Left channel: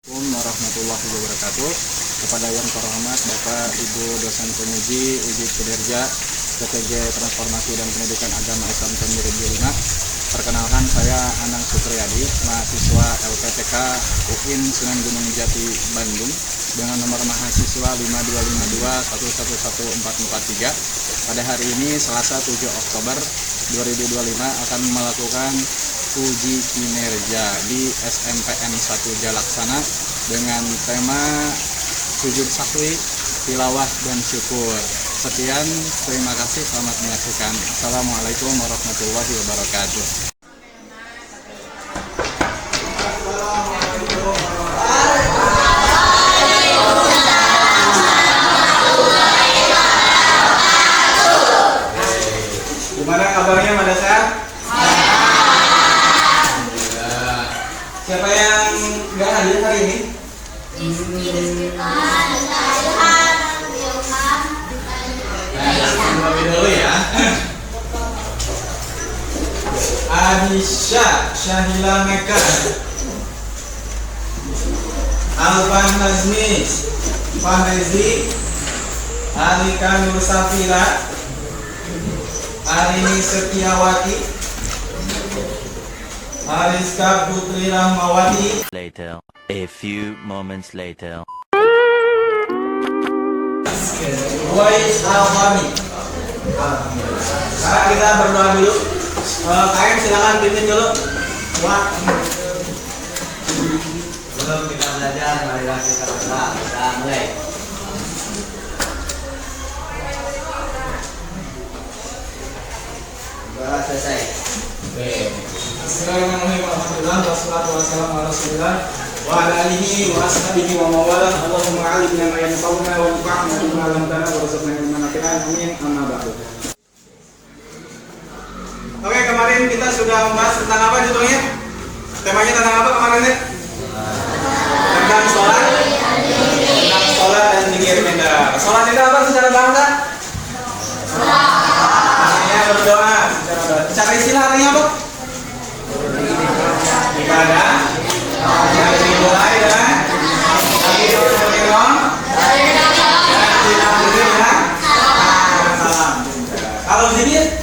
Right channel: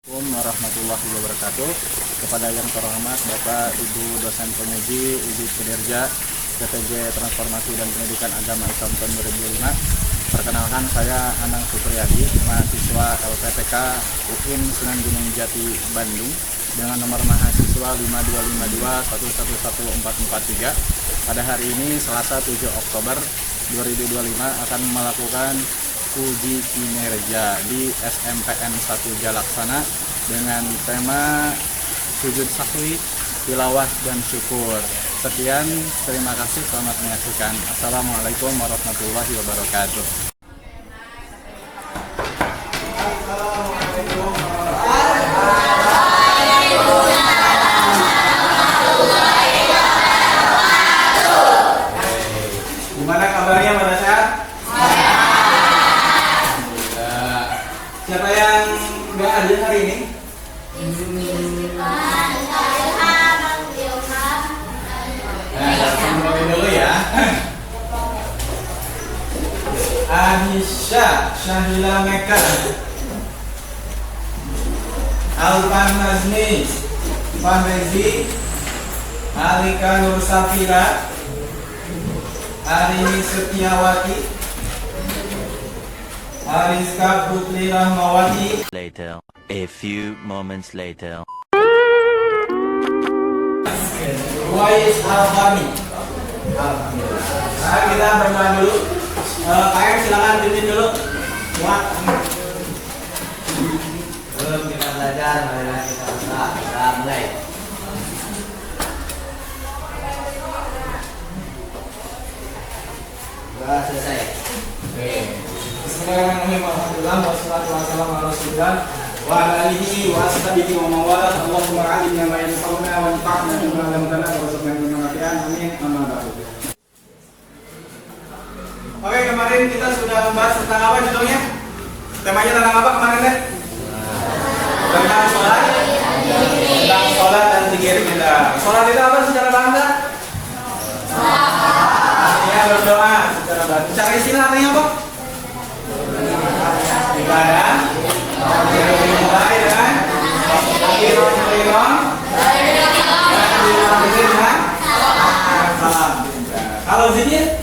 Assalamualaikum warahmatullahi wabarakatuh. Kepada yang terhormat Bapak Ibu dosen penguji uji kinerja PTG Transformasi dan Pendidikan Agama Islam tahun 2005. Perkenalkan, saya Anang Supriyadi, mahasiswa LPTK UIN Sunan Gunung Jati Bandung dengan nomor mahasiswa 525211443. Pada hari ini Selasa 7 Oktober 2025 akan melakukan uji kinerja di SMPN 1 Jalaksana dengan tema sujud sahwi, tilawah dan syukur. Sekian, terima kasih, selamat menyaksikan. Assalamualaikum warahmatullahi wabarakatuh. Gimana kabarnya, pada sehat? Siapa yang nggak hadir hari ini? Nah, dulu ya. Anisha Syahila Meka, Alvan Nazmi Fahrezi, Alika Nur Safira, Arini Setiawati, Ariska Putri Rahmawati. Later, a few moments later. Wais Al-Fahmi. Sekarang kita berdoa dulu. KM silakan pimpin dulu. Belum kita belajar, marilah kita berdoa. Kita mulai. Doa selesai. Bismillahirrahmanirrahim. Alhamdulillah wassalatu wassalamu ala Rasulillah wa ala alihi wa ashabihi wa mawalah. Allahumma 'allimna ma yanfa'una wa anfa'na bima 'allamtana warzuqna ilman nafi'an. Amin. Amma ba'du. Oke, kemarin kita sudah membahas tentang apa judulnya? Temanya tentang apa kemarin, Teh? Tentang sholat. Tentang sholat dan zikir mindah. Sholat itu apa secara bahasa? Artinya berdoa secara bahasa. Secara istilah artinya apa? Ibadah yang dimulai dengan kalau zikir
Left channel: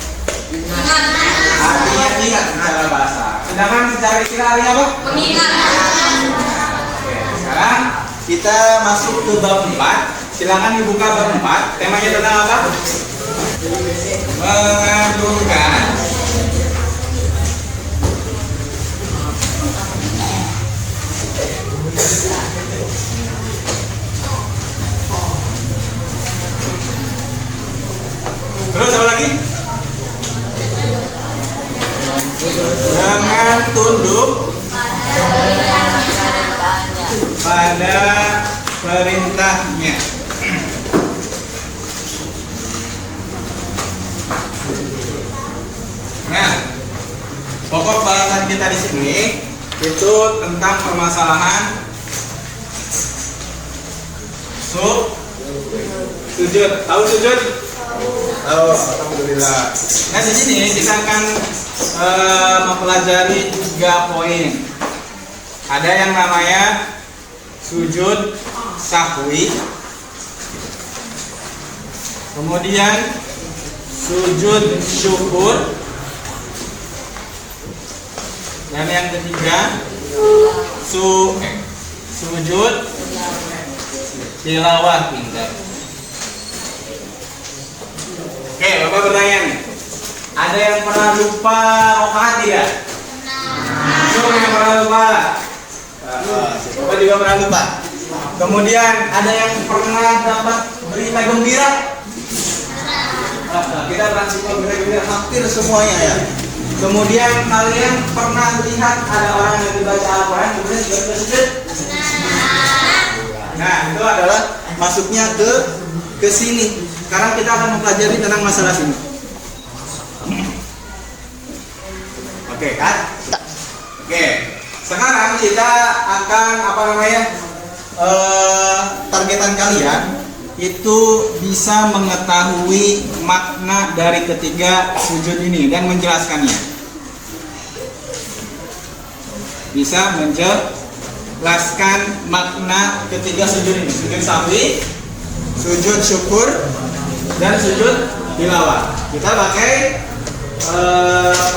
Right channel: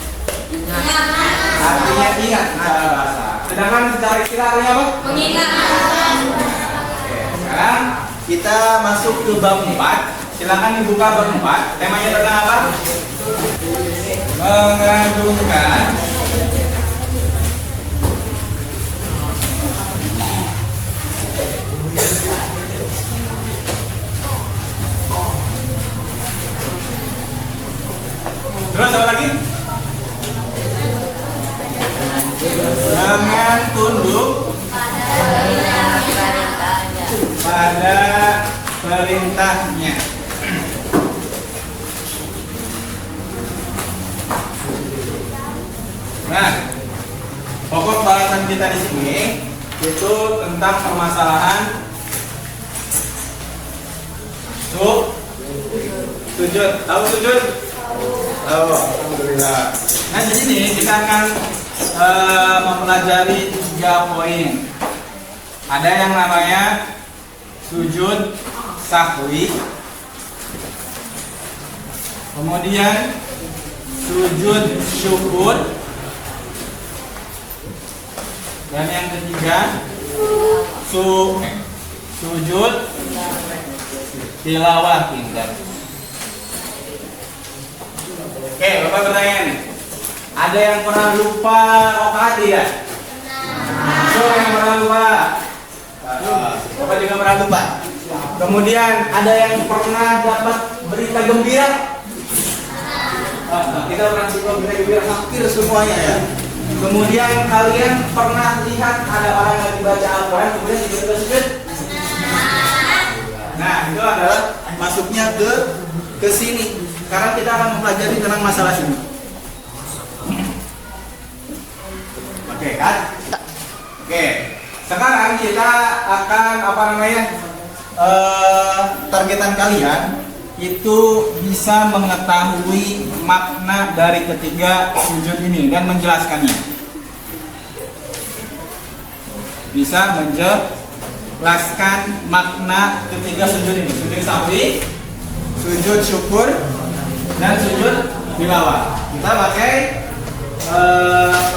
artinya ingat secara bahasa. Sedangkan secara istilah artinya apa? Mengingat. Oke, sekarang kita masuk ke bab 4. Silakan dibuka bab 4. Temanya tentang apa? Mengagungkan terus apa lagi? Jangan tunduk pada perintahnya. Nah, pokok bahasan kita di sini itu tentang permasalahan sujud. Tahu sujud? Oh, alhamdulillah. Nah, di sini kita akan mempelajari 3 poin. Ada yang namanya sujud sahwi, kemudian sujud syukur, dan yang ketiga sujud tilawah indah. Oke, Bapak bertanya nih. Ada yang pernah lupa rokaat tidak? Siapa yang pernah lupa? Bapak juga pernah lupa. Kemudian ada yang pernah dapat berita gembira? Kita pernah dapat berita gembira hampir semuanya ya. Kemudian kalian pernah lihat ada orang yang baca Al-Quran kemudian juga sujud? Nah, itu adalah masuknya ke sini. Sekarang kita akan mempelajari tentang masalah sini. Oke kan? Oke. Sekarang kita akan targetan kalian itu bisa mengetahui makna dari ketiga sujud ini dan menjelaskannya. Bisa jelaskan makna ketiga sujud ini. Sujud sahwi, sujud syukur, dan sujud tilawah. Kita pakai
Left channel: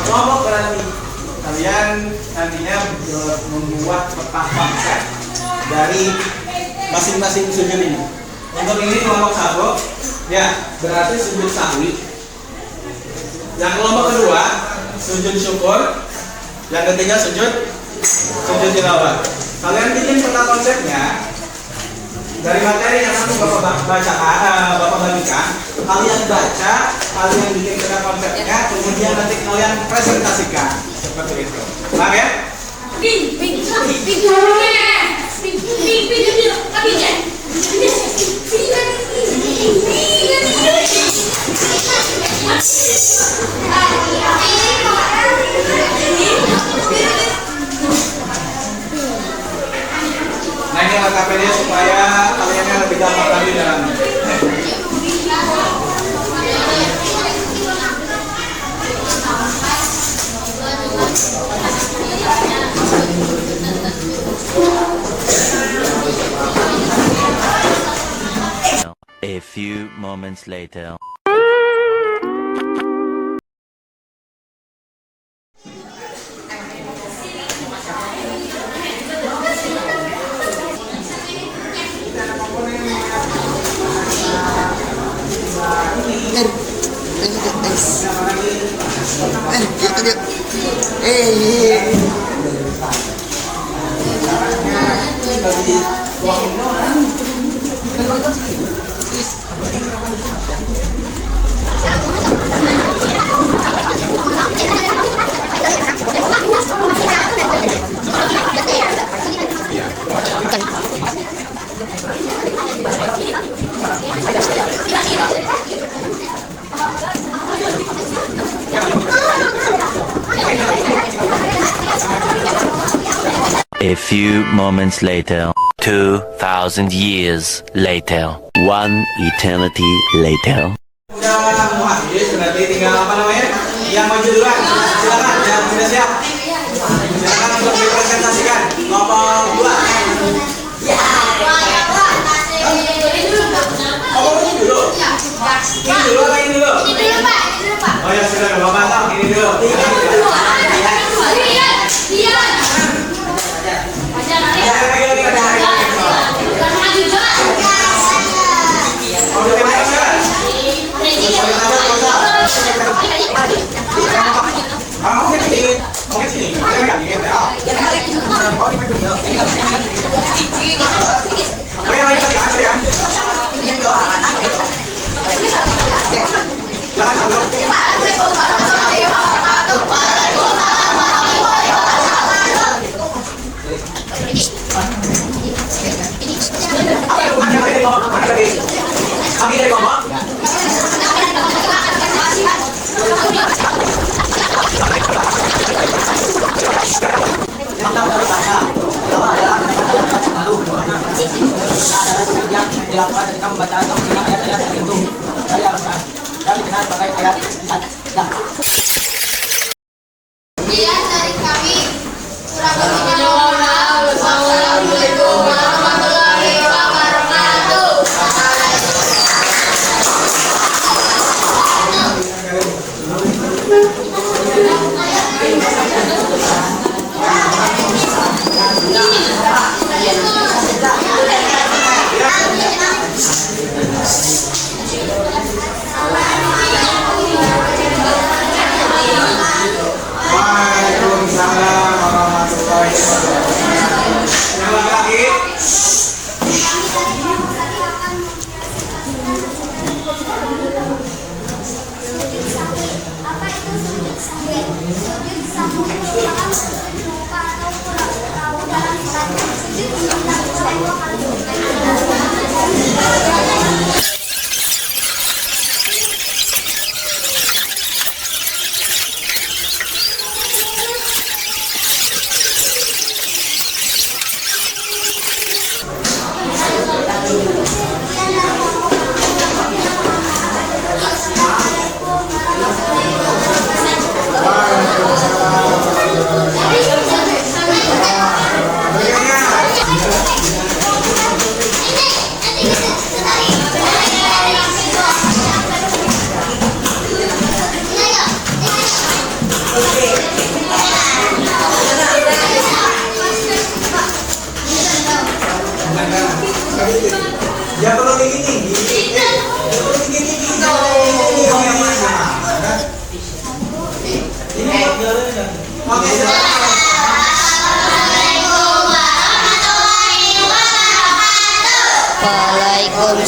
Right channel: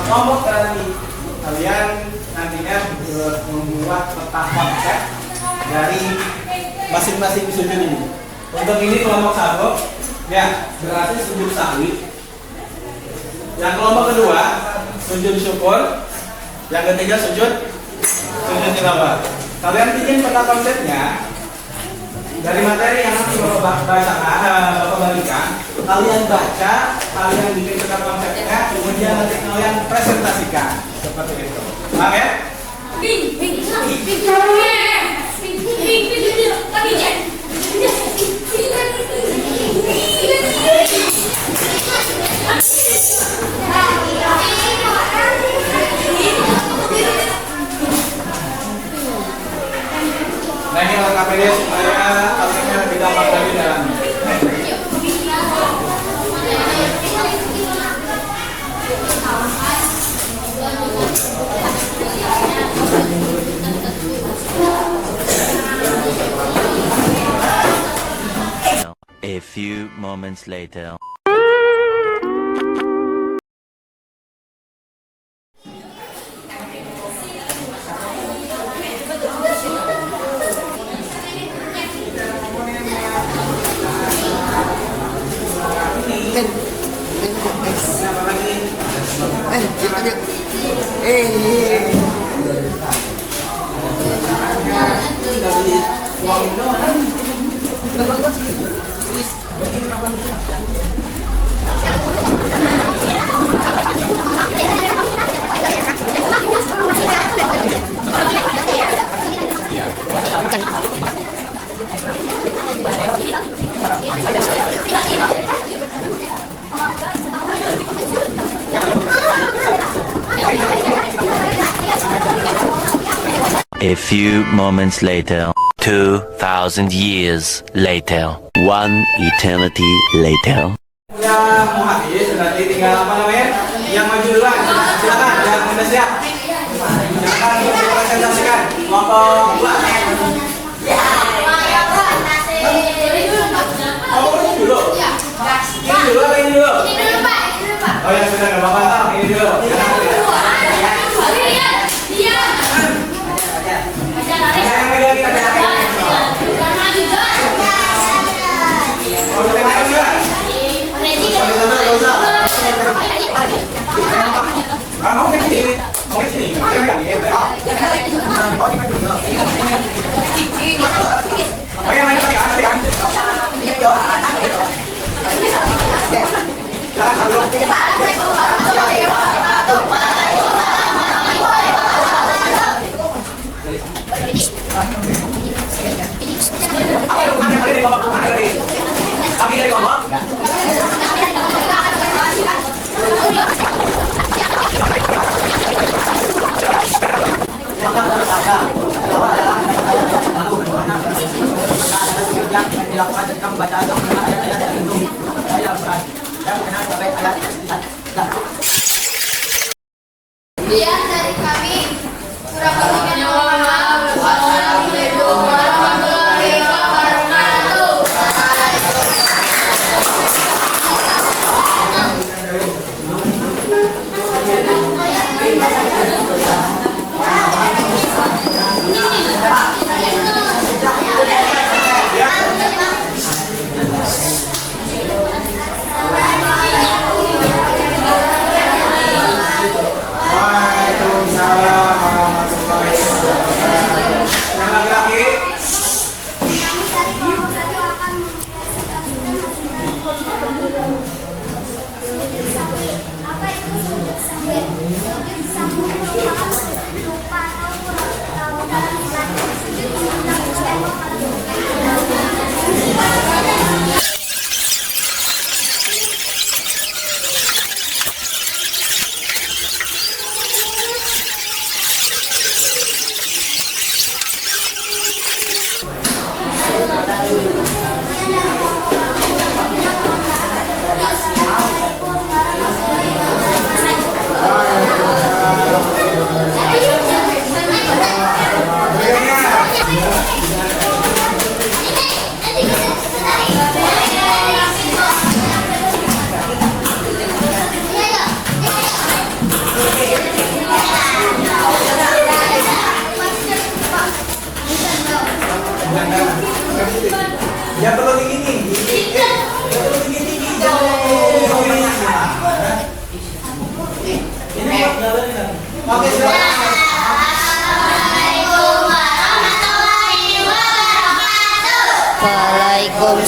kelompok nanti. Kalian nantinya membuat peta konsep dari masing-masing sujud ini. Untuk ini kelompok satu, ya berarti sujud sahwi. Yang kelompok kedua, sujud syukur. Yang ketiga sujud tilawah. Kalian bikin peta konsepnya dari materi yang nanti Bapak bagikan. Kalian baca, kalian bikin peta konsepnya, kemudian nanti kalian presentasikan seperti itu. Paham ya? Nah ini LKPD supaya kalian lebih gampang lagi dalam. A few moments later. A few moments later. 2,000 years later. One eternity later. Udah muhadis, berarti tinggal apa namanya? Yang maju duluan. Silakan, yang sudah siap. Silakan untuk dipresentasikan. Kelompok dua. Oh, ini dulu. Ini dulu apa ini dulu? Oh ya sudah, Bapak tahu ini dulu. Yang dilakukan ketika membaca ayat-ayat tertentu dari Al-Quran yang dikenal sebagai ayat dan Kemudian dari kami kurang lebihnya mohon maaf. Wassalamualaikum warahmatullahi wabarakatuh. Assalamualaikum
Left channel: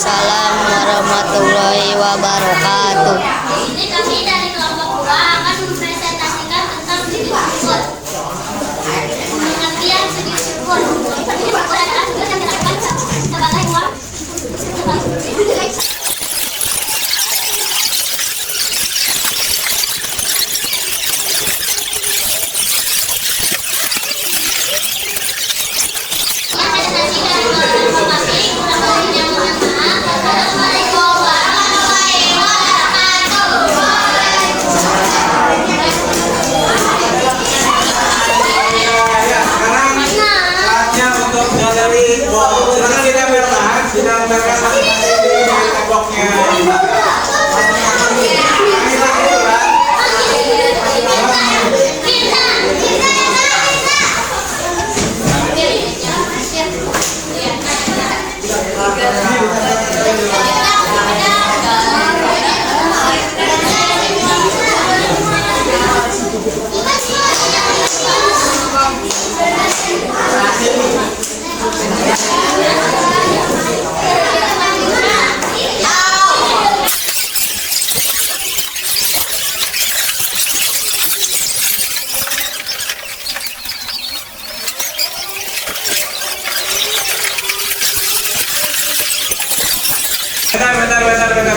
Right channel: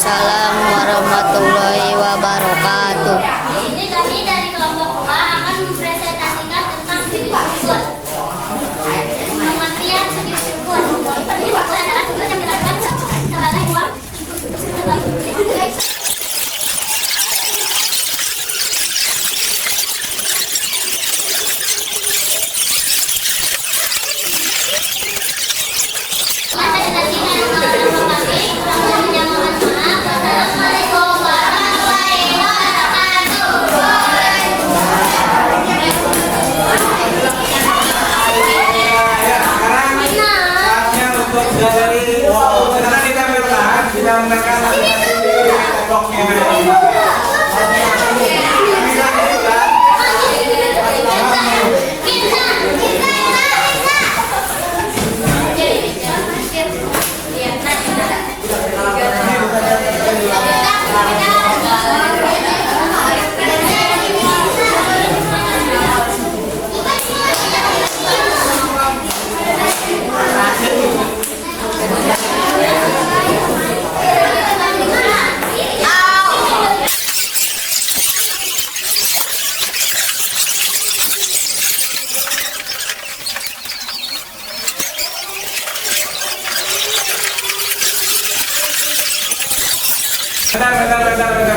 Waalaikumsalam warahmatullahi wabarakatuh. Ini kami dari kelompok 2 akan mempresentasikan tentang diri tersebut. Pengertian segi syukur. Segi syukur adalah tugas yang dilakukan sebagai buah. Saatnya untuk dari silakan ditempelkan dengan mereka masing-masing di temboknya.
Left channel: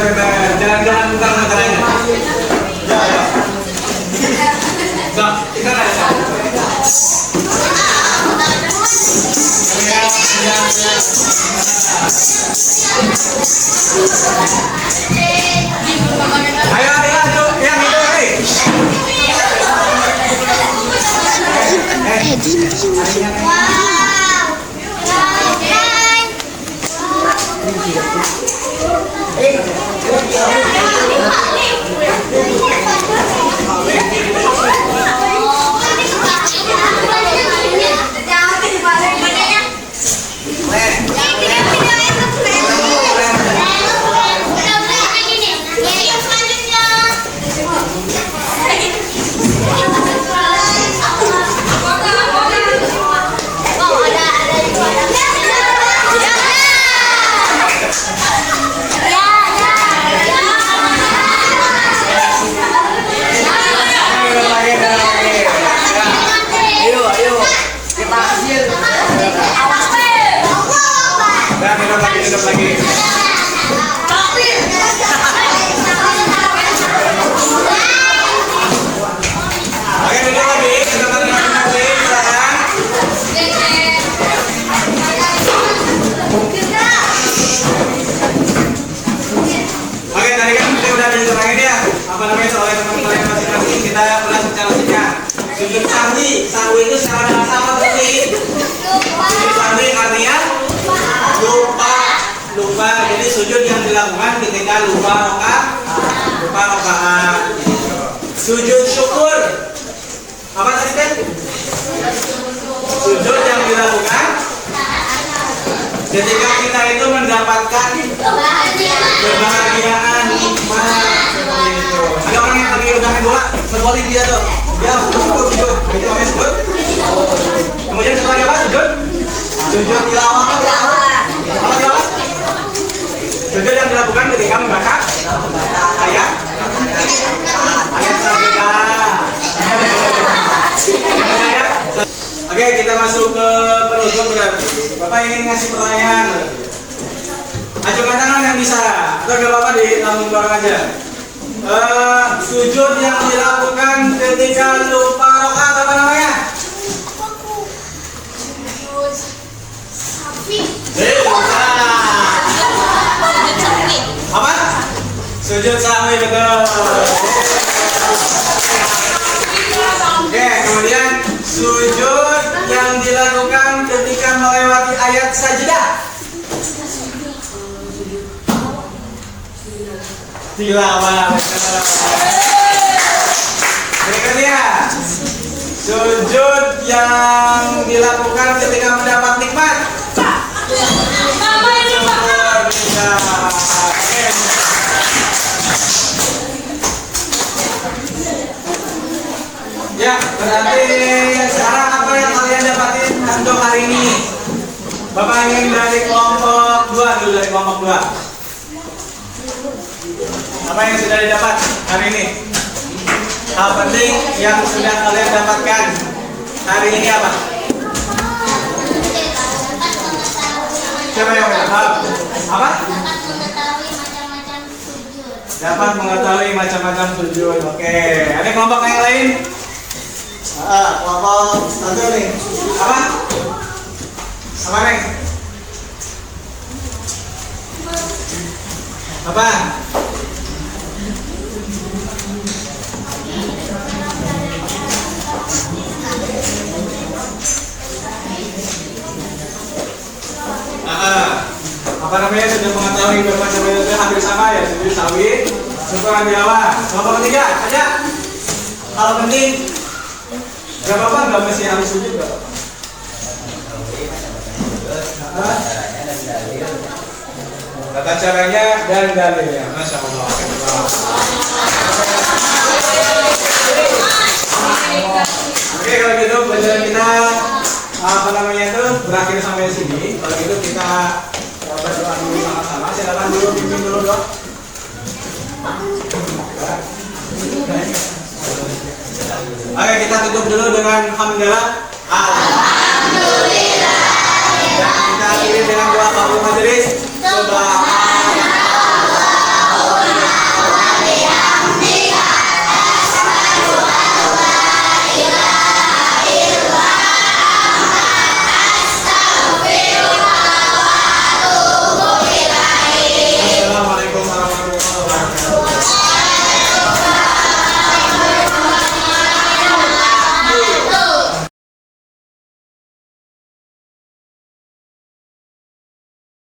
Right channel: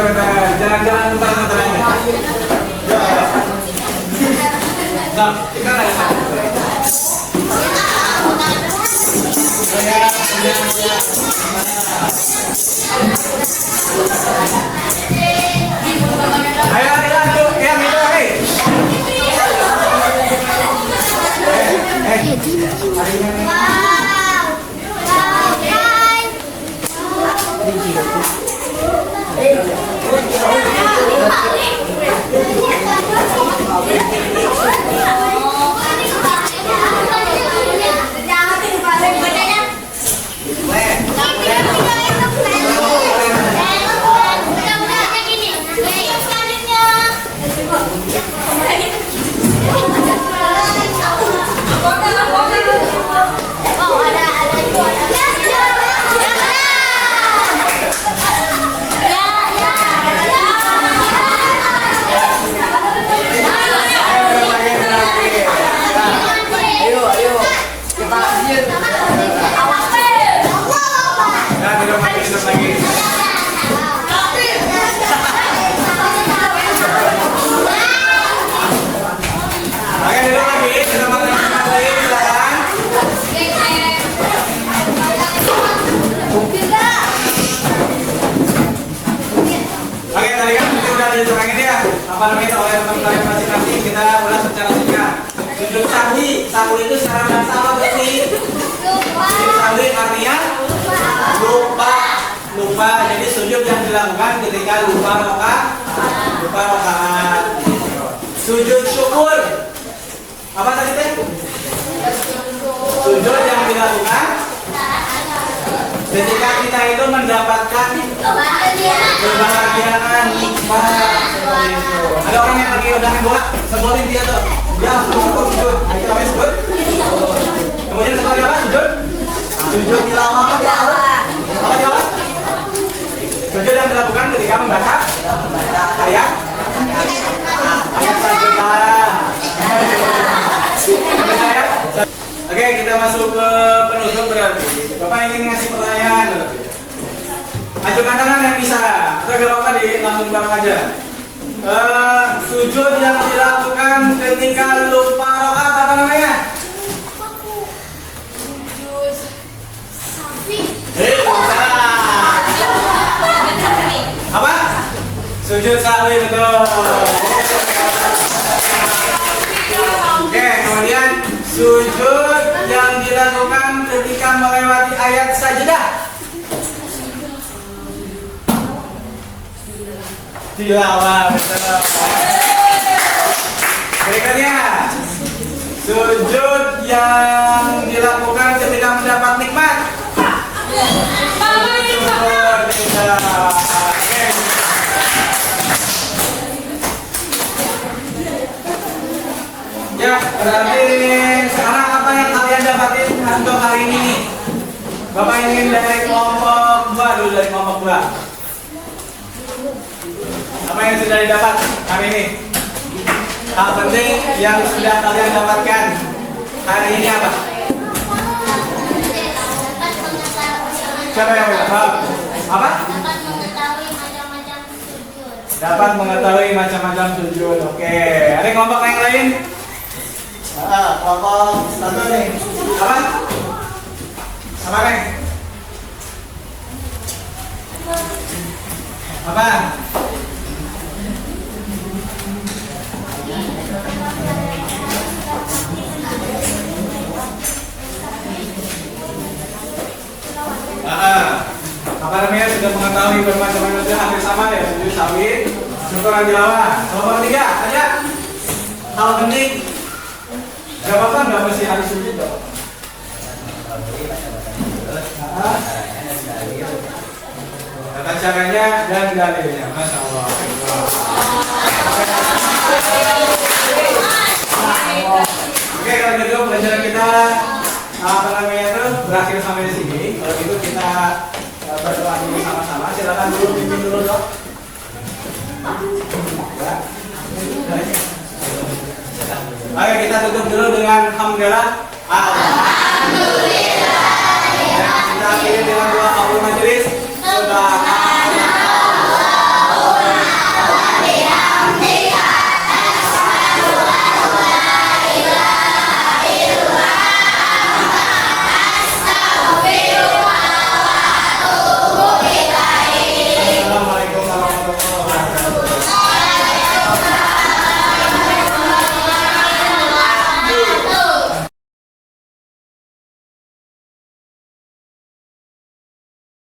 Bentar. Jangan buka matanya. Bang, kita ada. Ayo, tuh, yang itu, hei. Hidup lagi. Oke, duduk lagi. Silakan. Oke, tadi kan kita udah diserangin ya. Apa namanya oleh teman-teman masing-masing. Kita ulas secara singkat. Sujud sahwi. Sahwi itu secara bahasa apa sih? Sujud sahwi artinya lupa. Jadi sujud yang dilakukan ketika lupa rakaat. Sujud syukur apa tadi kan? Sujud yang dilakukan ketika kita itu mendapatkan kebahagiaan nikmat seperti itu. Ada orang yang lagi udah main bola, sebolin dia tuh. Dia sujud. Itu namanya sujud. Kemudian seperti apa sujud? Sujud tilawah. Apa tilawah? Sujud yang dilakukan ketika membaca ayat sajadah. Oke, kita masuk ke penutup berarti. Bapak ingin ngasih pertanyaan. Ajukan tangan yang bisa. Atau gak apa-apa di lambung bareng aja. Sujud yang dilakukan ketika lupa rakaat apa namanya? Apa? Sujud sahwi, betul. Oke, kemudian sujud yang dilakukan ketika melewati ayat sajidah. Tilawah. Berikutnya, sujud yang dilakukan ketika mendapat nikmat. Ya, berarti sekarang apa yang kalian dapatin untuk hari ini? Bapak ingin dari kelompok 2 dulu, dari kelompok 2. Apa yang sudah didapat hari ini? Hal penting yang sudah kalian dapatkan hari ini apa? Siapa yang menjawab? Apa? Dapat mengetahui macam-macam tujuan. Oke, ada kelompok yang lain? Kelompok satu nih. Apa? Apa Neng? Apa? Apa namanya sudah mengetahui bermacam metode hampir sama ya, jadi sawit, setoran Jawa. Kelompok ketiga, ada hal penting. Gak apa-apa, nggak mesti harus sujud gak apa-apa. Tata caranya dan dalilnya, masya Allah. Oke, kalau gitu pelajaran kita apa namanya itu berakhir sampai sini. Kalau gitu kita berdoa dulu sama-sama. Silakan dulu pimpin dulu dok. Oke, kita tutup dulu dengan hamdalah.